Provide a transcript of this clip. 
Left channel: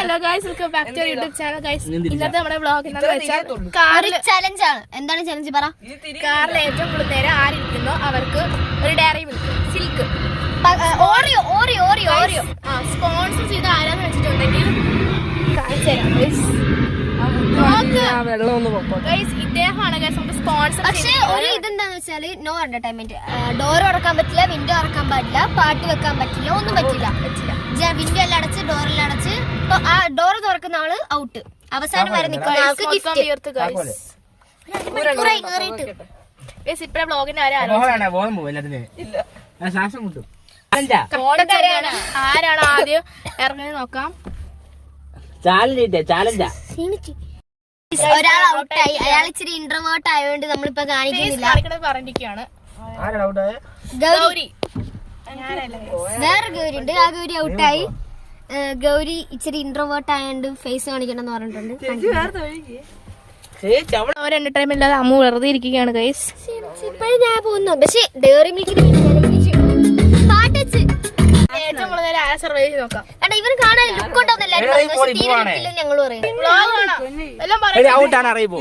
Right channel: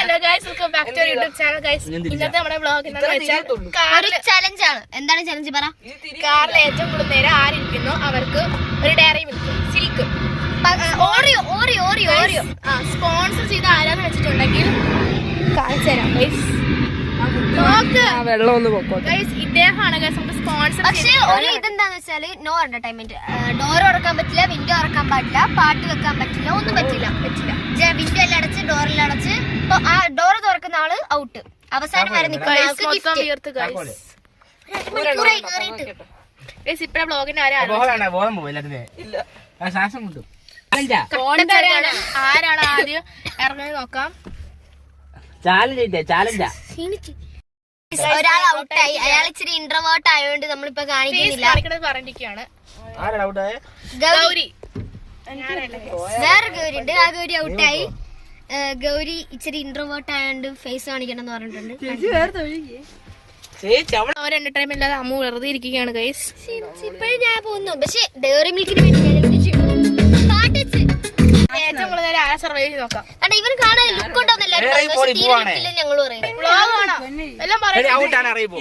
Hello guys, welcome back to YouTube channel guys. ഇന്നത്തെ നമ്മുടെ vlog എന്താണെന്ന് വെച്ചാൽ കാറിൽ ചലഞ്ച് ആണ്. എന്താണ് ചലഞ്ച് പറ? കാറിൽ ഏറ്റവും കൂടുതൽ നേരം ആരിയ്ക്കുന്നോ അവർക്ക് ഒരു Dairy Milk Silk Oreo Oreo Oreo Oreo sponsor ചെയ്ത് ആരാന്ന് വെച്ചിട്ടുണ്ടെങ്കിൽ കാണിച്ചു തരാം ഗൈസ്. ഗൈസ് ഇദ്ദേഹമാണ് ഗൈസ് നമുക്ക് സ്പോൺസർ. പക്ഷെ ഒരു ഇതെന്താന്ന് വെച്ചാല് നോ എന്റർടൈൻമെന്റ്. ഡോർ തുറക്കാൻ പറ്റില്ല, വിൻഡോ തുറക്കാൻ പാടില്ല, പാട്ട് വെക്കാൻ പറ്റില്ല, ഒന്നും പറ്റില്ല. വിൻഡോ എല്ലാം അടച്ച് ഡോറെല്ലാം അടച്ച് ആ ഡോർ തുറക്കുന്ന ആള് ഔട്ട്. അവസാനം വരെ ഇപ്പഴേ ബ്ലോഗിന്റെ കാര്യം ആരാണ് ആദ്യം ഇറങ്ങി നോക്കാം. ഒരാൾ ഔട്ടായി. അയാൾ ഇച്ചിരി ഇന്റർവേർട്ട് ആയതുകൊണ്ട് നമ്മളിപ്പോ കാണിക്കുന്നില്ല. പറഞ്ഞിരിക്കുകയാണ് ഗൗരി. വേറെ ഗൗരി ഉണ്ട്. ആ ഗൗരി ഔട്ടായി. ഗൗരി ഇച്ചിരി ഇന്റർവേർട്ട് ആയതുകൊണ്ട് ഫേസ് കാണിക്കണമെന്ന് പറഞ്ഞിട്ടുണ്ട്. എന്റർടൈൻമെന്റ് ഇല്ലാതെ അമ്മു വെറുതെ ഇരിക്കുകയാണ് ഗൈസ്. ഇപ്പഴും ഞാൻ പോകുന്നു. പക്ഷെ ഡയറി മിൽക്കിന് വേണ്ടി ഏറ്റവും കൂടുതൽ നേരം ആരെ സർവൈവ് ചെയ്ത് നോക്കാം. ഇവന് കാണാൻ ലുക്ക് ഉണ്ടോന്നല്ല ഞങ്ങൾ പറയും. എല്ലാം പറയും. ഔട്ടാണ് അറിയിപ്പോ.